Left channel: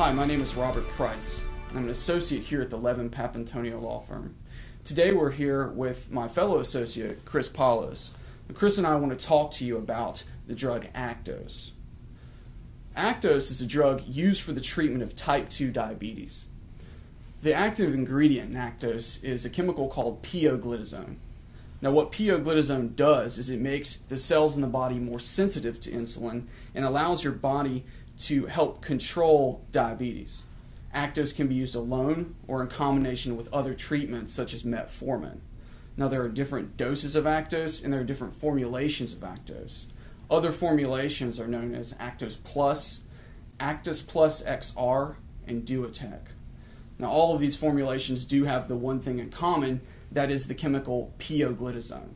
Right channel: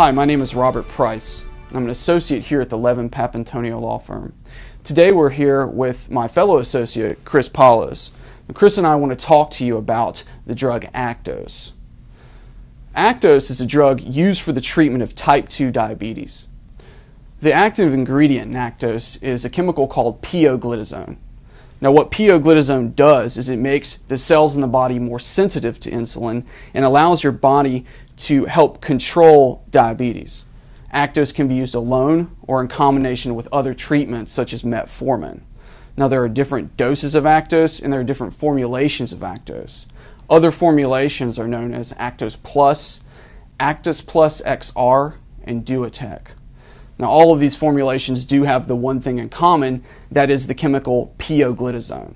Hi, my name is Robert Price. I'm an associate here at the Levin Papantonio law firm. Today we're here with my fellow associate, Chris Paulos. Chris and I want to talk to you about the drug Actos. Actos is a drug used for the treatment of type 2 diabetes. The active ingredient in Actos is a chemical called pioglitazone. Now what pioglitazone does is it makes the cells in the body more sensitive to insulin and allows your body to help control diabetes. Actos can be used alone or in combination with other treatments such as metformin. Now there are different doses of Actos and there are different formulations of Actos. Other formulations are known as Actos Plus, Actos Plus XR, and Duotec. Now all of these formulations do have the one thing in common, that is the chemical pioglitazone.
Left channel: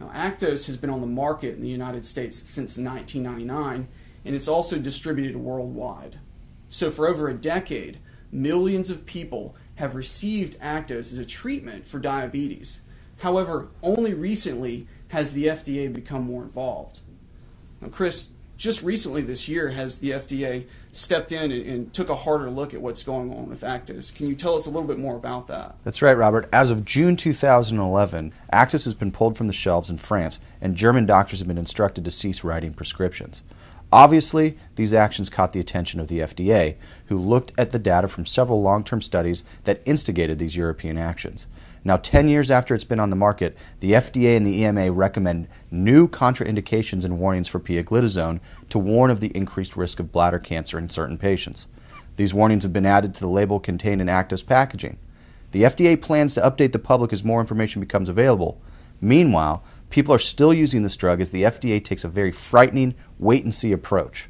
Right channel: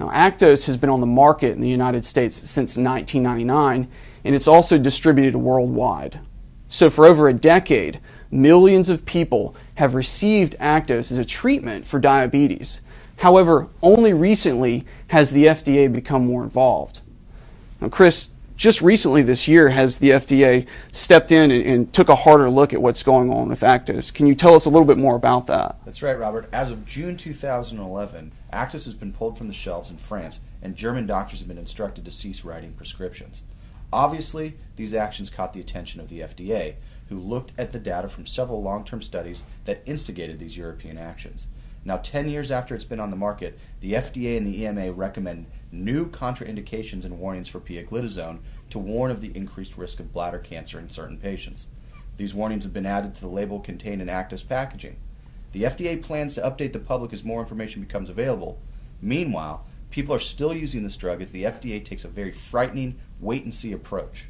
Now Actos has been on the market in the United States since 1999 and it's also distributed worldwide. So for over a decade, millions of people have received Actos as a treatment for diabetes. However, only recently has the FDA become more involved. Now, Chris, just recently this year has the FDA stepped in and took a harder look at what's going on with Actos. Can you tell us a little bit more about that? That's right, Robert. As of June 2011, Actos has been pulled from the shelves in France, and German doctors have been instructed to cease writing prescriptions. Obviously, these actions caught the attention of the FDA, who looked at the data from several long-term studies that instigated these European actions. Now, 10 years after it's been on the market, the FDA and the EMA recommend new contraindications and warnings for pioglitazone to warn of the increased risk of bladder cancer in certain patients. These warnings have been added to the label contained in Actos packaging. The FDA plans to update the public as more information becomes available. Meanwhile, people are still using this drug as the FDA takes a very frightening wait-and-see approach.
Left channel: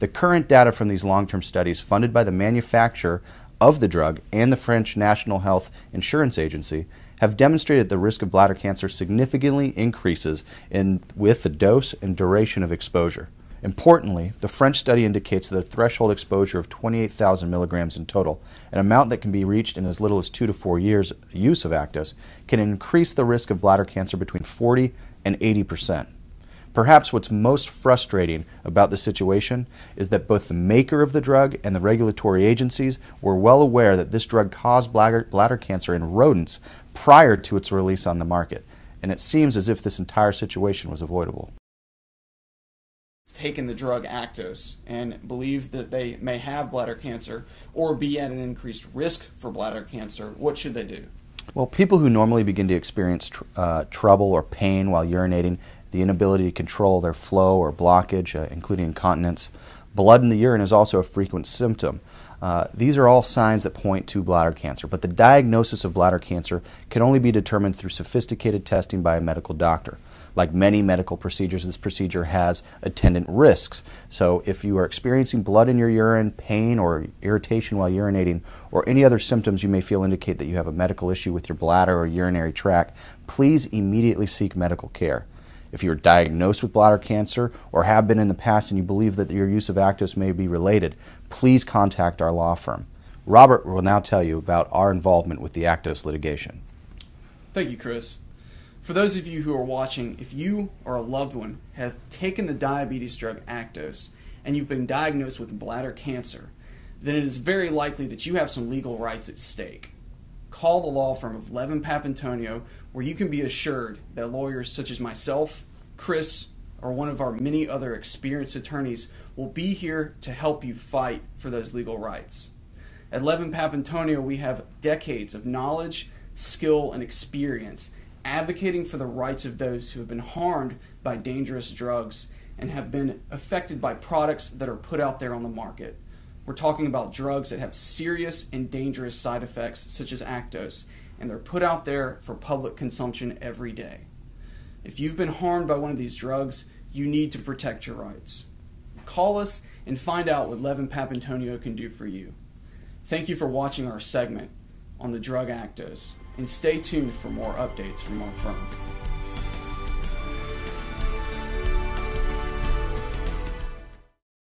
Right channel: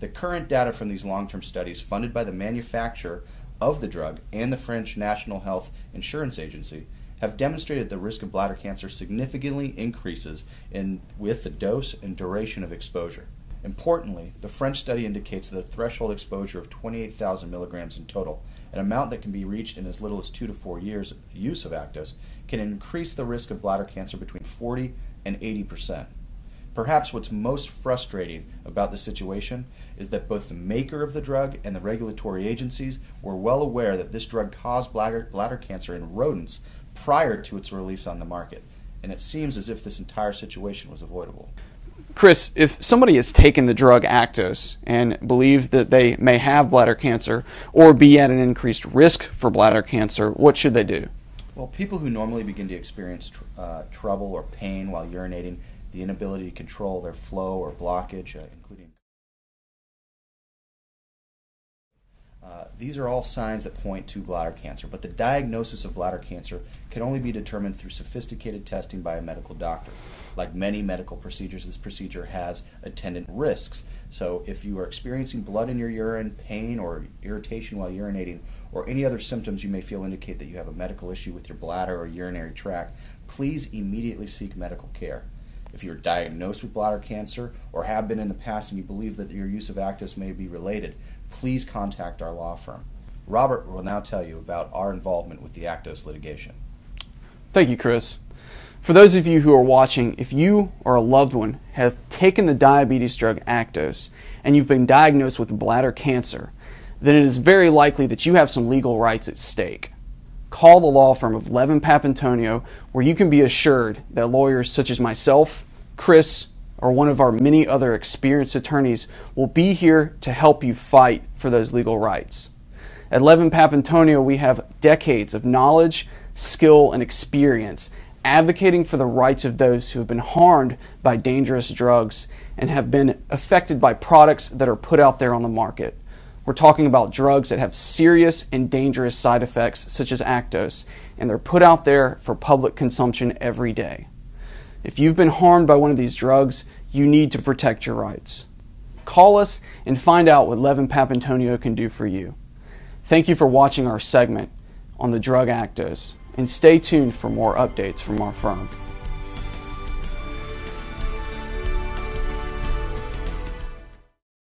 The current data from these long-term studies funded by the manufacturer of the drug and the French National Health Insurance Agency have demonstrated the risk of bladder cancer significantly increases with the dose and duration of exposure. Importantly, the French study indicates that a threshold exposure of 28,000 milligrams in total, an amount that can be reached in as little as 2 to 4 years use of Actos, can increase the risk of bladder cancer between 40 and 80%. Perhaps what's most frustrating about the situation is that both the maker of the drug and the regulatory agencies were well aware that this drug caused bladder cancer in rodents prior to its release on the market, and it seems as if this entire situation was avoidable. Chris, if somebody has taken the drug Actos and believes that they may have bladder cancer or be at an increased risk for bladder cancer, what should they do? Well, people who normally begin to experience trouble or pain while urinating, the inability to control their flow or blockage, including incontinence, blood in the urine is also a frequent symptom. These are all signs that point to bladder cancer, but the diagnosis of bladder cancer can only be determined through sophisticated testing by a medical doctor. Like many medical procedures, this procedure has attendant risks. So if you are experiencing blood in your urine, pain or irritation while urinating, or any other symptoms you may feel indicate that you have a medical issue with your bladder or urinary tract, please immediately seek medical care. If you are diagnosed with bladder cancer or have been in the past and you believe that your use of Actos may be related, please contact our law firm. Robert will now tell you about our involvement with the Actos litigation. Thank you, Chris. For those of you who are watching, if you or a loved one have taken the diabetes drug Actos and you've been diagnosed with bladder cancer, then it is very likely that you have some legal rights at stake. Call the law firm of Levin Papantonio, where you can be assured that lawyers such as myself, Chris, or one of our many other experienced attorneys will be here to help you fight for those legal rights. At Levin Papantonio, we have decades of knowledge, skill, and experience advocating for the rights of those who have been harmed by dangerous drugs and have been affected by products that are put out there on the market. We're talking about drugs that have serious and dangerous side effects such as Actos, and they're put out there for public consumption every day. If you've been harmed by one of these drugs, you need to protect your rights. Call us and find out what Levin Papantonio can do for you. Thank you for watching our segment on the drug Actos, and stay tuned for more updates from our firm.